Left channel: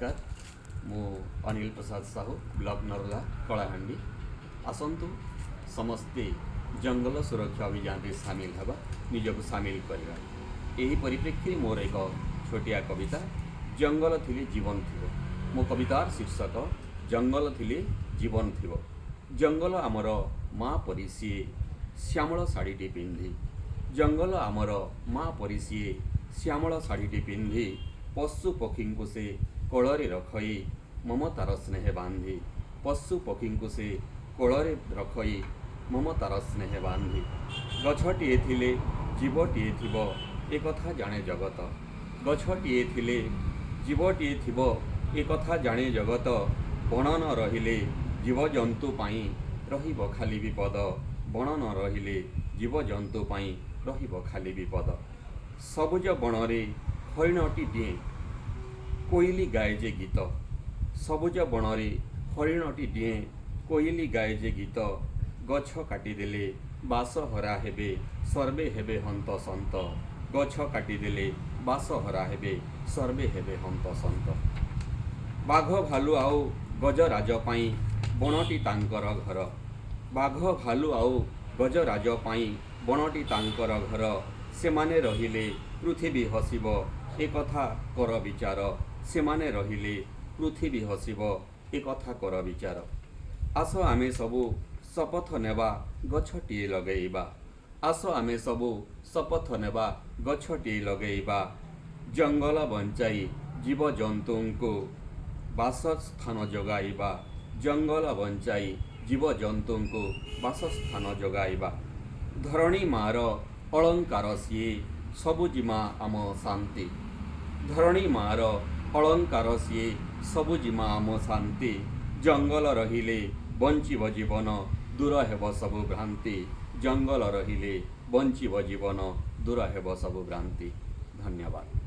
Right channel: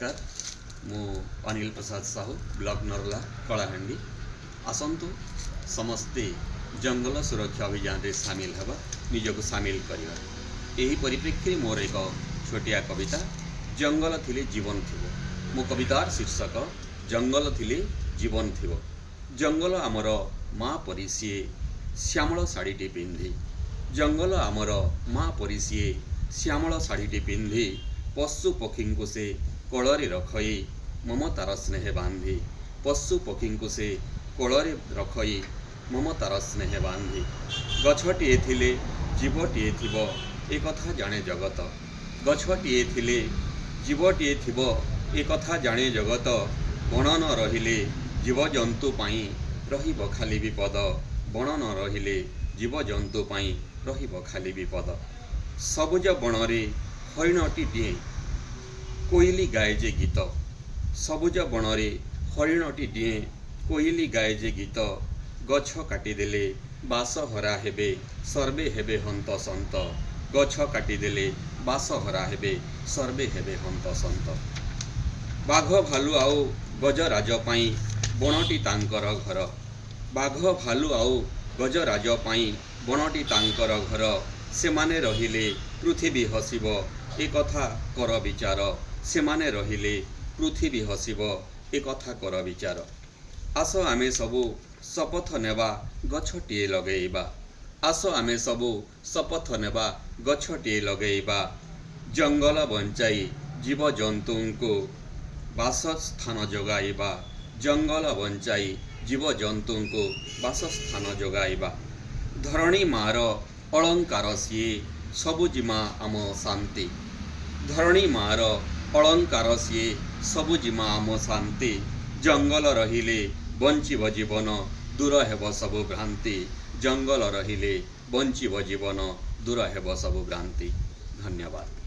नमस्कार मु अनिल प्रसाद साहू ब्लॉक नरला कलाहांडी आसतु समस्ते जंगल सुरक्षा अभियान रे सामिल हवा निजक सामिल करवा। यही परिप्रेक्षी मोर एक छोटिया कविता जंगल थिले जीवन थिबो। मो कवितार शीर्षक जंगल थिले जीवन थिबो। जंगल आमर माँ परी सीए श्यामल शाढ़ीटे पिंधि, जंगल आमर माँ परी सीए श्यामल शाढ़ीटे पिंधि, पशु पक्षी को से कोଳରେ रखई ममतार स्नेह बांधि, पशु पक्षी को से कोଳରେ रखई ममतार स्नेह बांधि। गछटिए थिले जीवटिए थिबो ए कथा जाने जगत, गछटिए थिले जीवटिए थिबो ए कथा जाने जगत। बण न रहिले जीवजंतु पाई रहिबो खाली विपद, बण न रहिले जीवजंतु पाई रहिबो खाली विपद। सबुज बणरे हरिणटीए कोइली गाए जे गीत, सबुज बणरे हरिणटीए कोइली गाए जे गीत। गछ काटिदेले बास हरा हेबे सर्वे हेबे हंत संत, गछ काटिदेले बास हरा हेबे सर्वे हेबे हंत संत। बाघ भालू आउ गजराज पाई बणटी तांकर घर, बाघ भालू आउ गजराज पाई बणटी तांकर घर। सेमाने रहिले पृथ्वी हसिबो ए कथा कर विचार, सेमाने रहिले पृथ्वी हसिबो ए कथा कर विचार। आस आमे सबु शपथ नेबा गछटिए लगेइबा, आस आमे सबु शपथ नेबा गछटिए लगेइबा। जंगल बंचाई जीवजंतुଙ୍କୁ बासस्थान जोगाइबा, जंगल बंचाई जीवजंतुଙ୍କୁ बासस्थान जोगाइबा। धरणी मार अलंकार सीए सबुजिमा आम शांति, धरणी मार अलंकार सीए सबुजिमा आम शांति। जंगल रहिले बंचिब जीवन दूर हेब सबु भ्रांति, जंगल रहिले बंचिब जीवन दूर हेब सबु भ्रांति। धन्यवाद।